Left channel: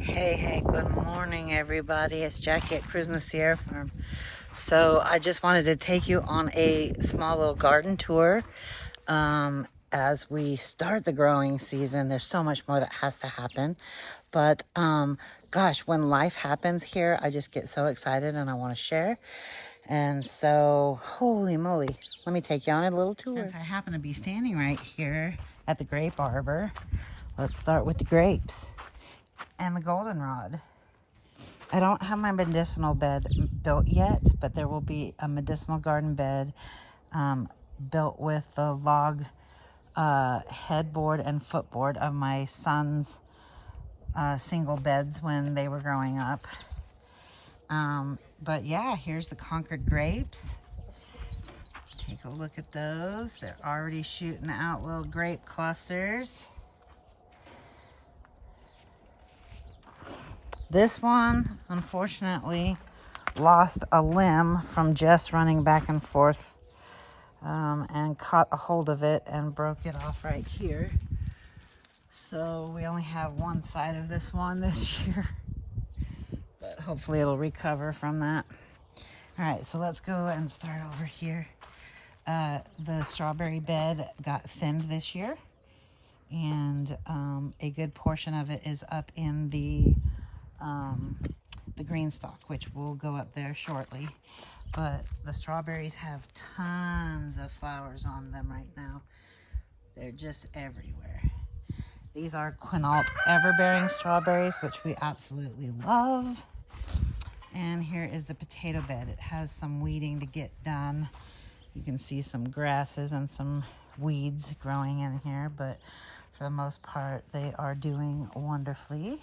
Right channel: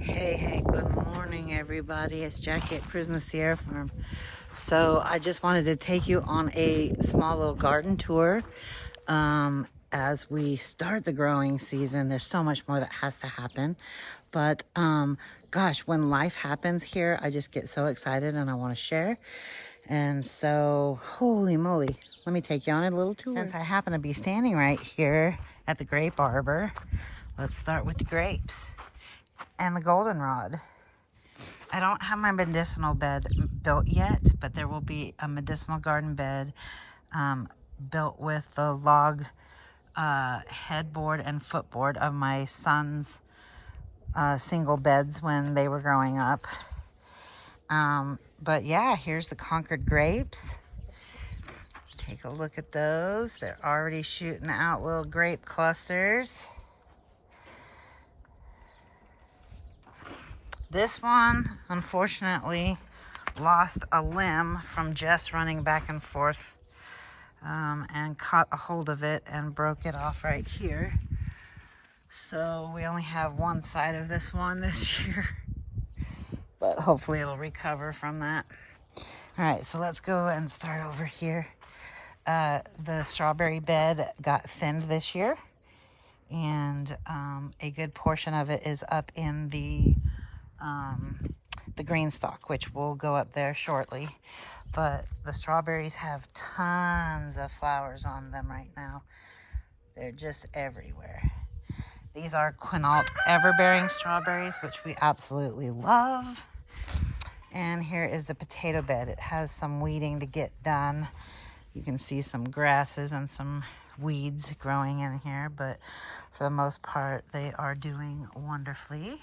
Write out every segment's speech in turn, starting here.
Hey, good morning, everybody. It's Jackie at Cruising the Sierra Farm. So I just wanted to take you on a small little garden tour. As we start the growing season, there's so much more that has to happen. But gosh, when life happens here, I just get so excited and I want to share. And so, holy moly, let me take you on a little tour. Since I happen to be standing right here at the grape arbor, let's start with the grapes and the goldenrod. I don't have my medicinal bed built yet, but there will be a medicinal garden bed built with the log headboard and footboard of my son's single beds when they were growing up. But yeah, here's the Concord grapes. Take a look at those. They're already shooting out little grape clusters. This one, unfortunately, lost a limb from just running back and forth and caught a hold of it and broke it off right here. So we only have one side of this one this year, but hopefully it'll recover from that. All right, so let's go and start over here. The strawberry bed got thinned this year, and a good portion of it is up in the green stalk, which will go up there shortly. But the strawberries have tons of flowers on them right now. They're just everywhere. These are Quinault everbearing strawberries, which we absolutely love. And here is the potato bed. It has some weeding to get done. You can see some grasses and some weeds growing in here, but for the most part, they are doing wonderfully.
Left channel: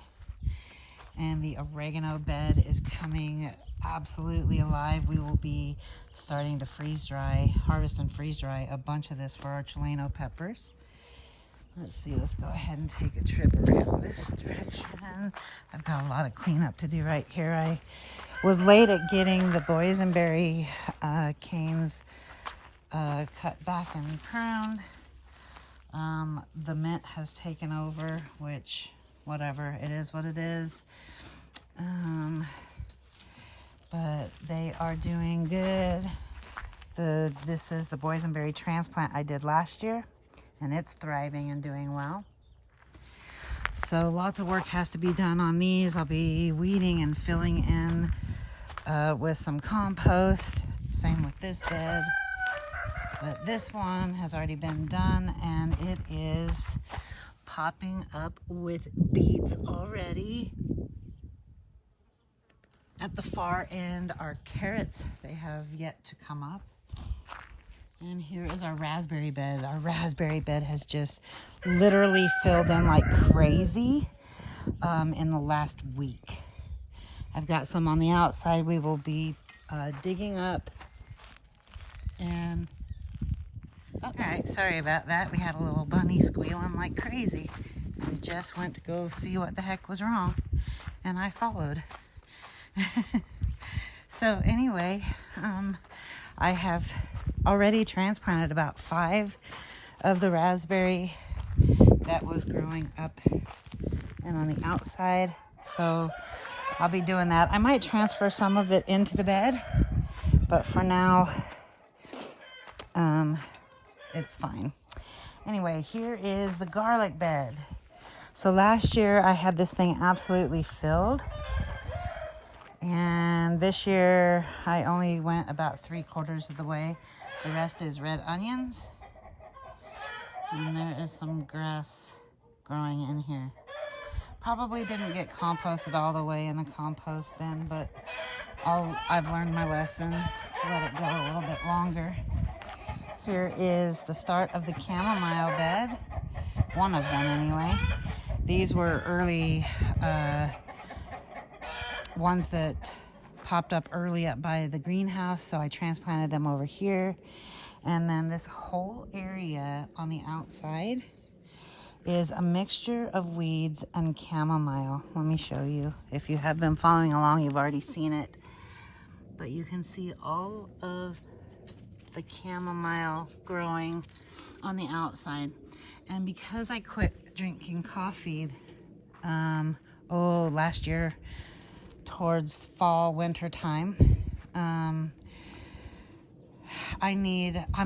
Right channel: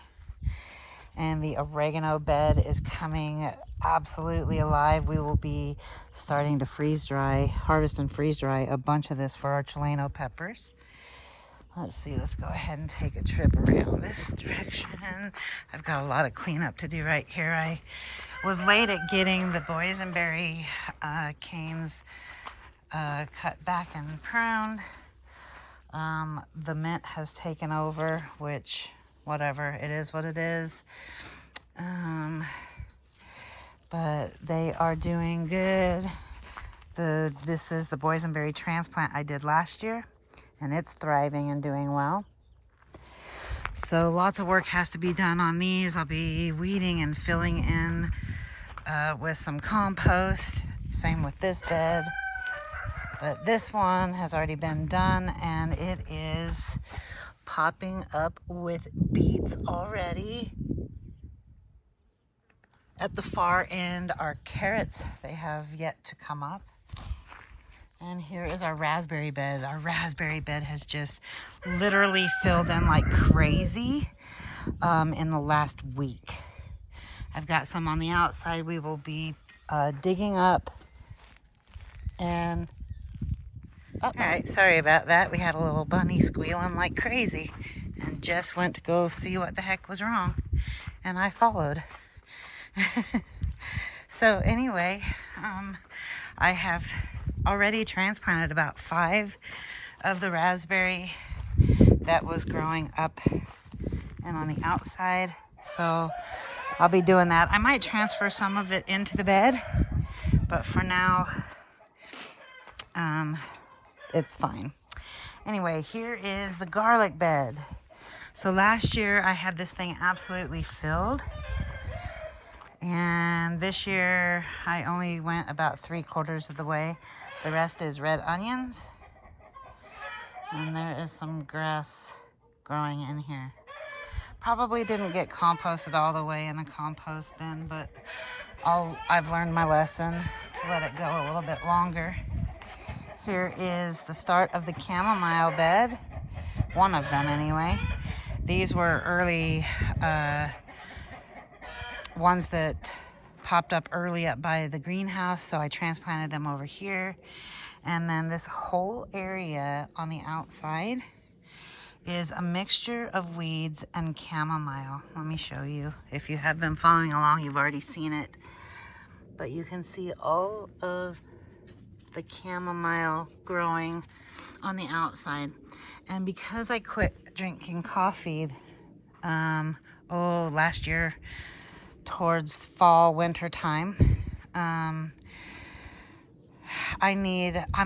And the oregano bed is coming absolutely alive. We will be starting to harvest and freeze dry a bunch of this for our Chileno peppers. Let's see, let's go ahead and take a trip around this direction. I've got a lot of cleanup to do right here. I was late at getting the boysenberry canes cut back and pruned. The mint has taken over, which, whatever, it is what it is. But they are doing good. This is the boysenberry transplant I did last year, and it's thriving and doing well. So lots of work has to be done on these. I'll be weeding and filling in with some compost. Same with this bed. But this one has already been done, and it is popping up with beets already. At the far end are carrots. They have yet to come up. And here is our raspberry bed. Our raspberry bed has just literally filled in like crazy in the last week. I've got some on the outside we will be digging up. And all right, sorry about that. We had a little bunny squealing like crazy and Jess went to go see what the heck was wrong, and I followed. So anyway, I have already transplanted about 5 of the raspberry that was growing up and on the outside. So I'll be doing that. I might transfer some of it into the bed, but for now, it's fine. Anyway, here is the garlic bed. So last year I had this thing absolutely filled. And this year I only went about 3/4 of the way. The rest is red onions. And there is some grass growing in here. Probably didn't get composted all the way in the compost bin, but I've learned my lesson to let it go a little bit longer. Here is the start of the chamomile bed. One of them anyway. These were early ones that popped up early up by the greenhouse, so I transplanted them over here. And then this whole area on the outside is a mixture of weeds and chamomile. Let me show you. If you have been following along, you've already seen it. But you can see all of the chamomile growing on the outside. And because I quit drinking coffee last year towards fall, winter time. I'm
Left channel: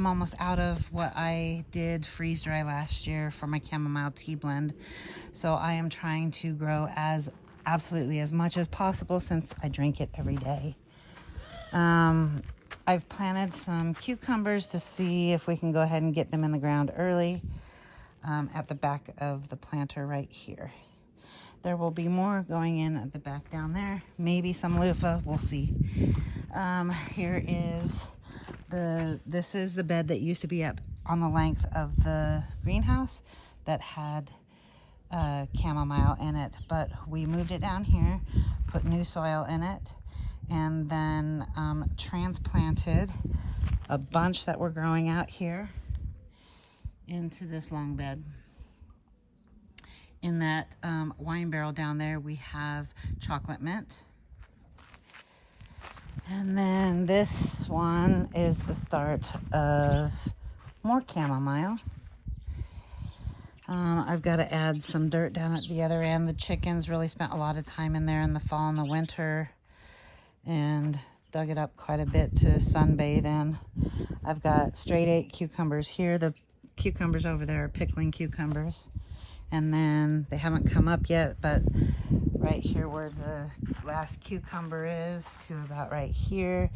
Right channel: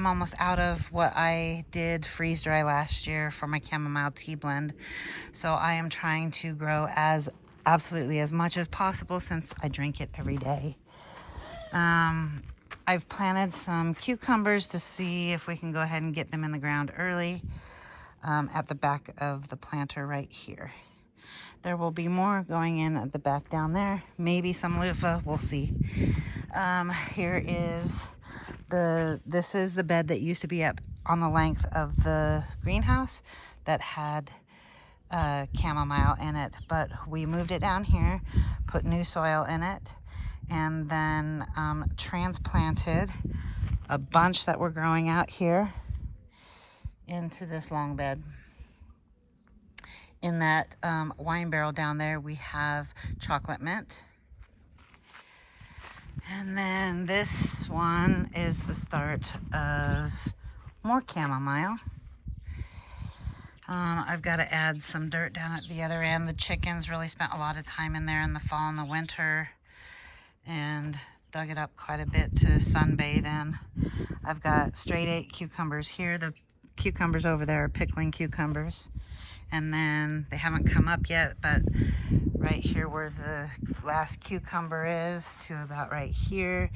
almost out of what I did freeze dry last year for my chamomile tea blend. So I am trying to grow absolutely as much as possible since I drink it every day. I've planted some cucumbers to see if we can go ahead and get them in the ground early at the back of the planter right here. There will be more going in at the back down there. Maybe some loofah, we'll see. Here is this is the bed that used to be up on the length of the greenhouse that had chamomile in it, but we moved it down here, put new soil in it, and then transplanted a bunch that were growing out here into this long bed. In that wine barrel down there, we have chocolate mint. And then this one is the start of more chamomile. I've got to add some dirt down at the other end. The chickens really spent a lot of time in there in the fall and the winter and dug it up quite a bit to sunbathe in. I've got straight 8 cucumbers here. The cucumbers over there are pickling cucumbers. And then they haven't come up yet, but right here where the last cucumber is to about right here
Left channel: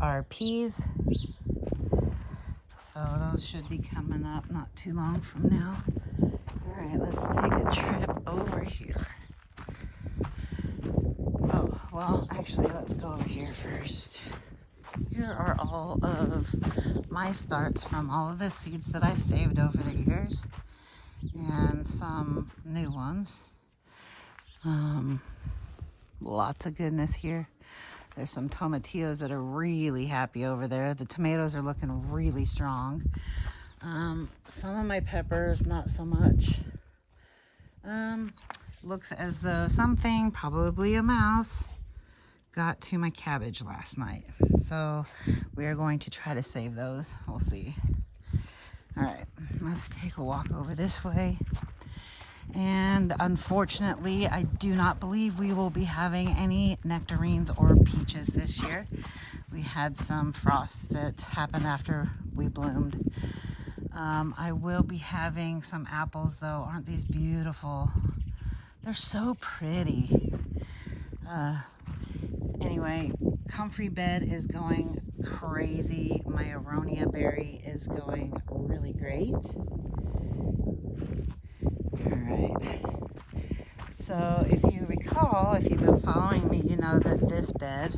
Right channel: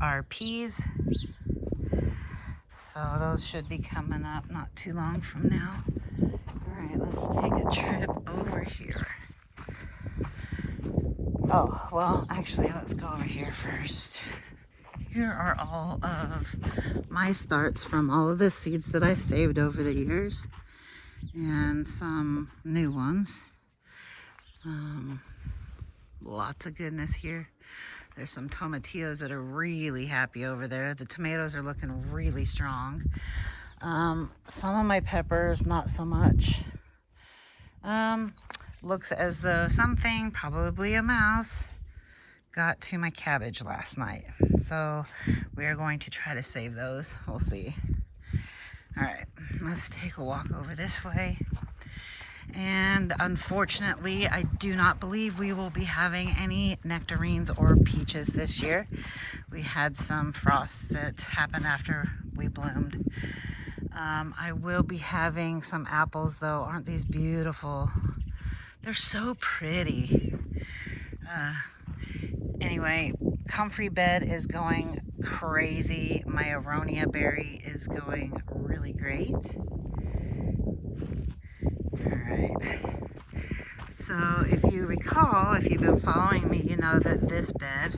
are peas. So those should be coming up not too long from now. All right, let's take a trip over here. Oh, well, actually, let's go over here first. Here are all of my starts from all of the seeds that I've saved over the years. And some new ones. Lots of goodness here. There's some tomatillos that are really happy over there. The tomatoes are looking really strong. Some of my peppers, not so much. Looks as though something, probably a mouse, got to my cabbage last night. So we are going to try to save those. We'll see. All right, let's take a walk over this way. And unfortunately, I do not believe we will be having any nectarines or peaches this year. We had some frosts that happened after we bloomed. I will be having some apples though. Aren't these beautiful? They're so pretty. Anyway, comfrey bed is going crazy. My aronia berry is going really great. All right. So if you recall, if you've been following me, you know that this bed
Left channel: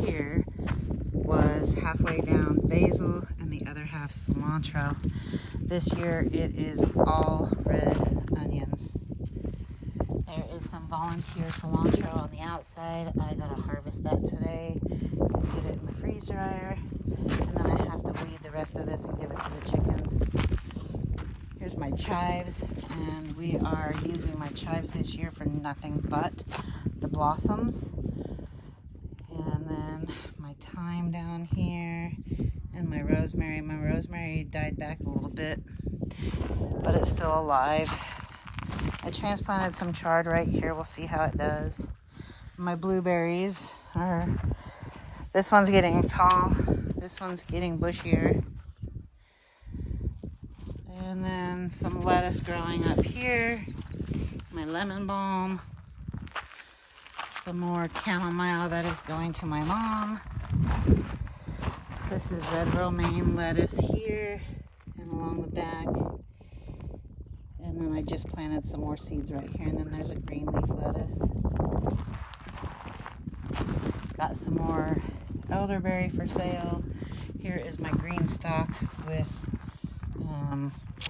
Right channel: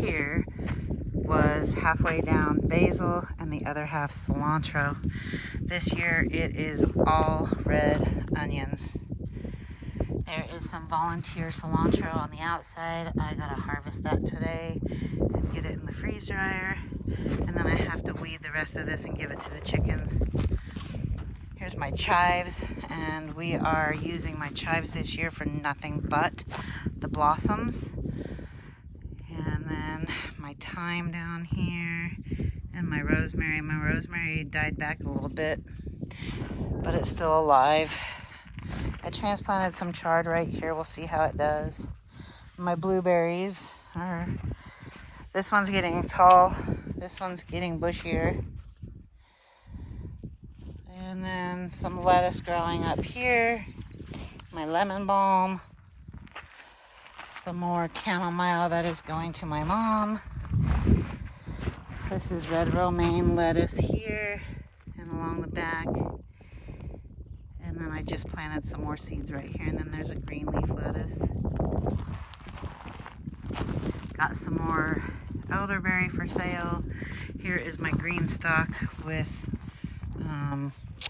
here was halfway down basil and the other half cilantro. This year it is all red onions. There is some volunteer cilantro on the outside. I gotta harvest that today and get it in the freeze dryer. And then I have to weed the rest of this and give it to the chickens. Here's my chives, and we are using my chives this year for nothing but the blossoms. And then my thyme down here, and my rosemary. My rosemary died back a little bit, but it's still alive. I transplanted some chard right here. We'll see how it does. My blueberries are, this one's getting tall. This one's getting bushier. And then some lettuce growing up here. My lemon balm. Some more chamomile that is going to my mom. This is red romaine lettuce here and along the back. And then I just planted some more seeds right here. And then there's a green leaf lettuce. Got some more elderberry for sale. Here is my green stalk with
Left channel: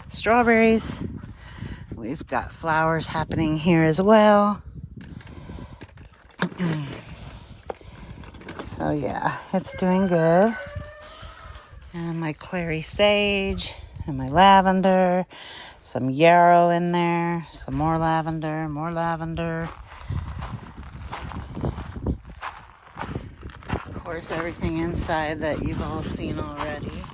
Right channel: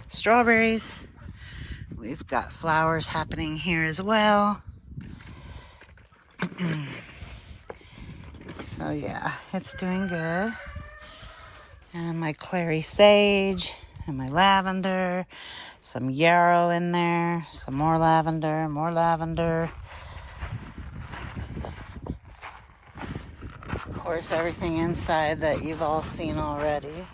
strawberries. We've got flowers happening here as well. So yeah, it's doing good. And my clary sage and my lavender. Some yarrow in there, some more lavender, more lavender. Of course, everything inside that you've all seen already.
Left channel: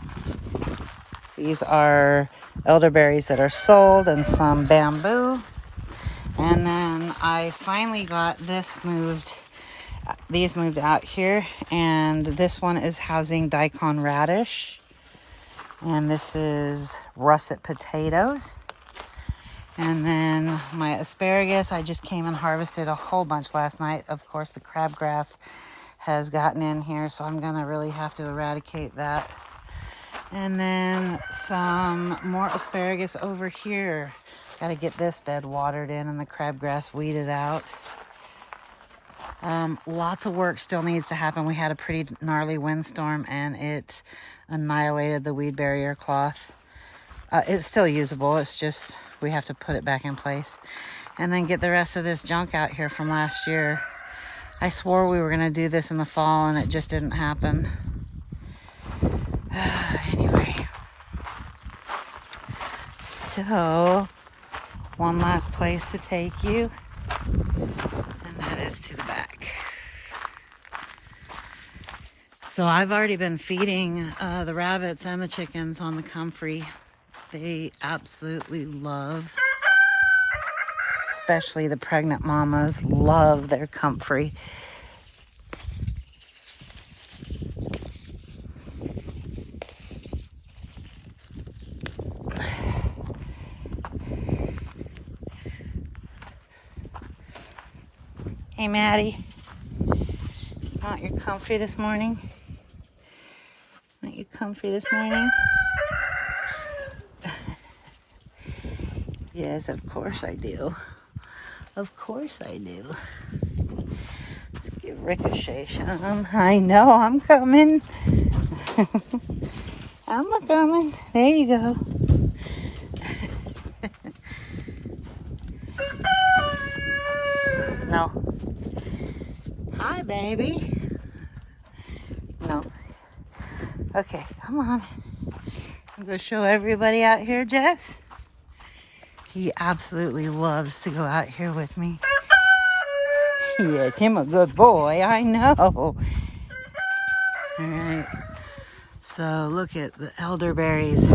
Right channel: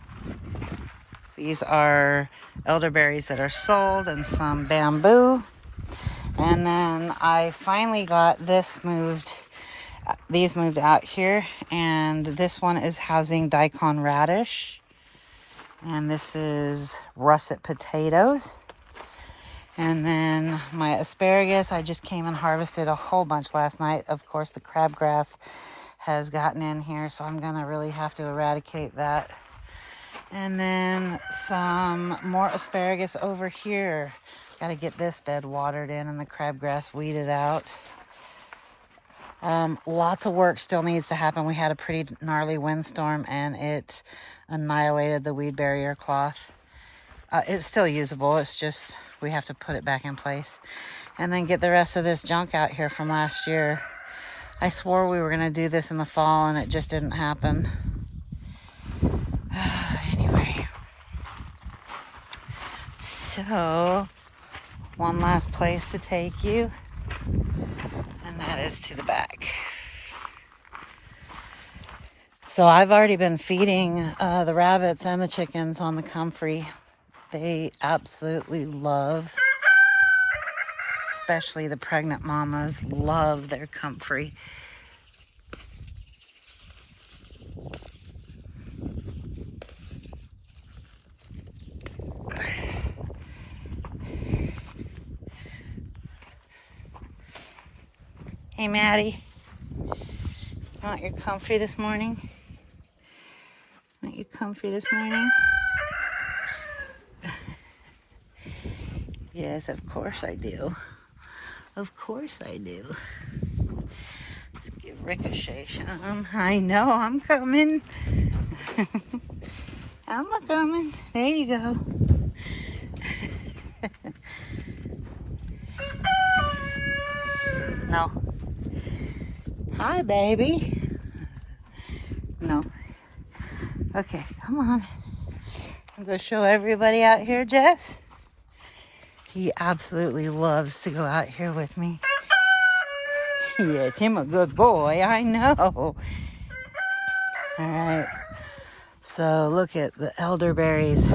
These are elderberries that are sold and some bamboo. And then I finally got this moved. These moved out here, and this one is housing daikon radish. And this is russet potatoes. And then my asparagus, I just came and harvested a whole bunch last night. Of course, the crabgrass has gotten in here, so I'm gonna really have to eradicate that. And then some more asparagus over here. Gotta get this bed watered in and the crabgrass weeded out. Lots of work still needs to happen. We had a pretty gnarly windstorm and it annihilated the weed barrier cloth. It's still usable. It's just we have to put it back in place and then get the rest of this junk out here from last year. I swore we were going to do this in the fall and it just didn't happen. Anyway, so one last place to take you, and that is to the back. So I've already been feeding the rabbits and the chickens on the comfrey. They absolutely love, especially the pregnant mamas, love their comfrey. Hey, Maddie, want your comfrey this morning? Want your comfrey this morning? Yes, of course I do. Of course I do. Let's give Ricochet some. I know, I'm coming. I'm a coming. There you go. No. Hi, baby. No. Okay, come on. I'm going to show everybody out here, Jess. He absolutely loves to go out here with me. Yes, him a good boy, I know. All right. So look at the elderberries.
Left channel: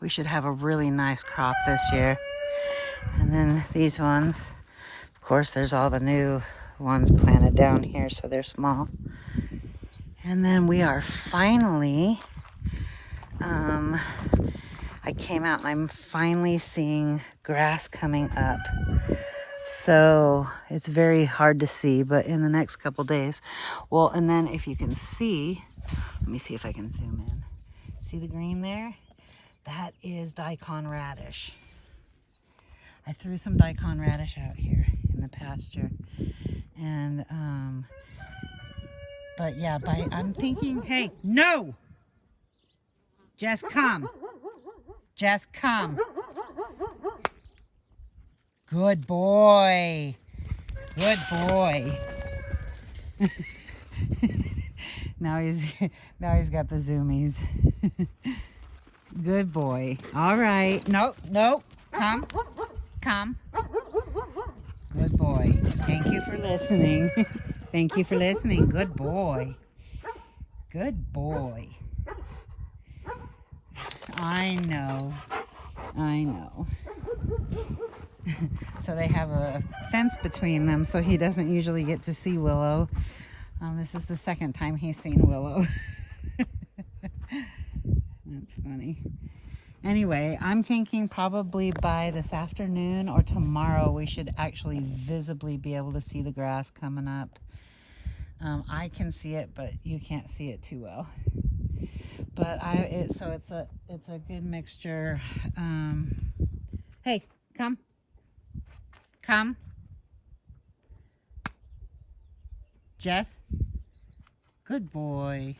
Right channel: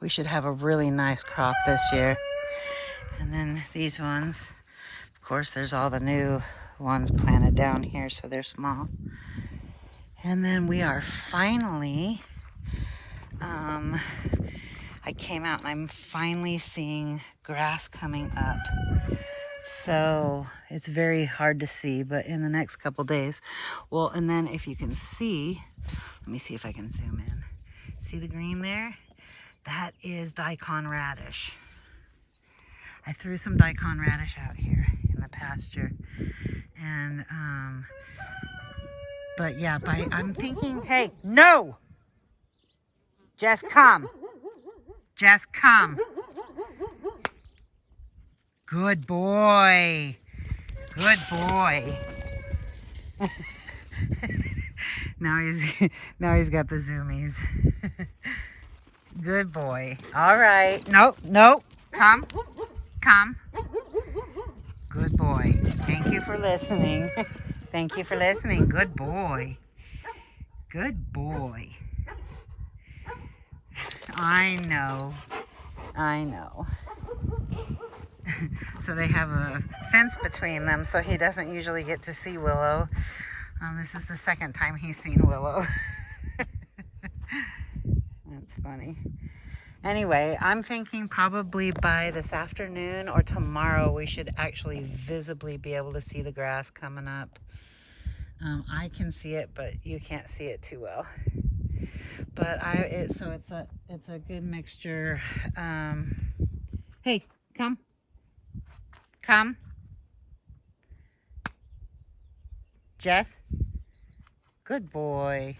We should have a really nice crop this year. And then these ones, of course, there's all the new ones planted down here, so they're small. And then we are finally, I came out and I'm finally seeing grass coming up. So it's very hard to see, but in the next couple days, well, and then if you can see, let me see if I can zoom in. See the green there? That is daikon radish. I threw some daikon radish out here in the pasture. And, but yeah, I'm thinking, hey, no! Just come. Just come. Good boy. Good boy. Now he's got the zoomies. Good boy. All right. Nope. Come. Good boy. Thank you for listening. Thank you for listening. Good boy. Good boy. I know. So they have a fence between them, so he doesn't usually get to see Willow. This is the second time he's seen Willow. That's funny. Anyway, I'm thinking probably by this afternoon or tomorrow we should actually visibly be able to see the grass coming up. I can see it, but you can't see it too well. But so it's a good mixture. Hey, come. Jess. Good boy.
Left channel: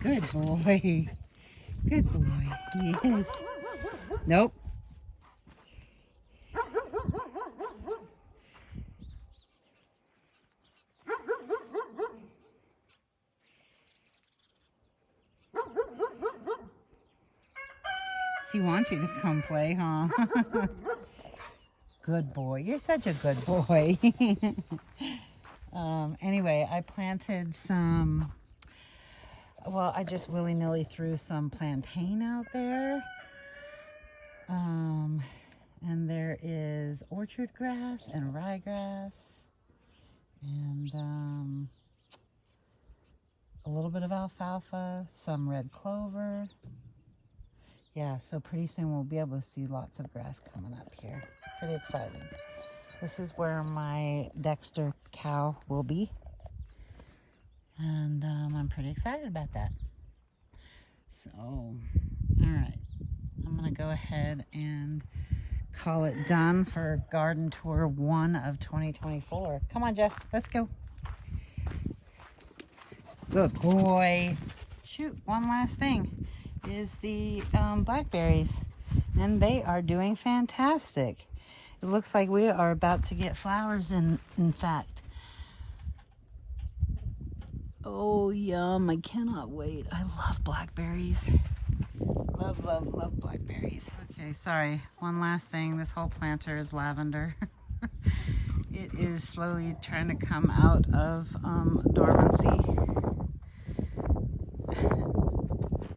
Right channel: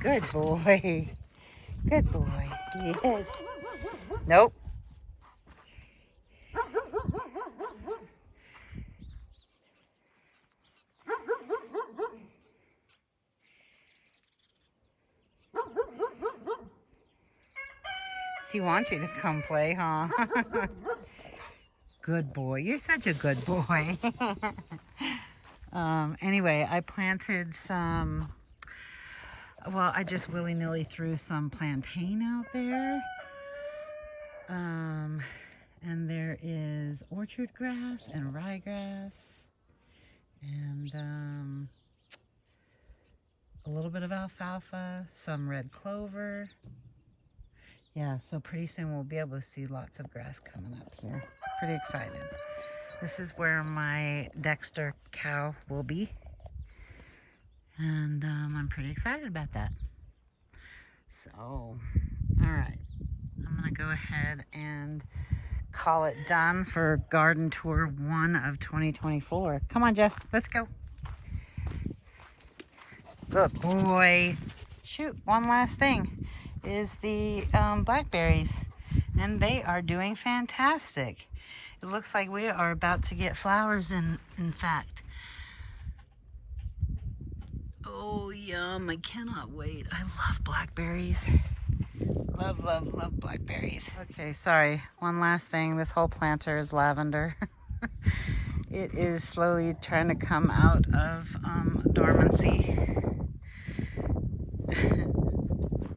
Good boy. Good boy. Yes. Nope. She wants you to come play, huh? Good boy. You're such a good boy. Anyway, I planted some, well, I just willy-nilly threw some plantain out there. is orchard grass and ryegrass and a little bit of alfalfa, some red clover. Yeah, so pretty soon we'll be able to see lots of grass coming up here. Pretty excited. This is where my Dexter cow will be. And I'm pretty excited about that. So, all right. I'm going to go ahead and call it done for garden tour 1 of 2024. Come on, Jess. Let's go. Good boy. Shoot, one last thing is the blackberries. And they are doing fantastic. It looks like we are about to get flowers in fact. Oh, yum. I cannot wait. I love blackberries. Love, love, love blackberries. Okay, sorry. One last thing. This whole planter is lavender. It is slowly trying to come out of dormancy.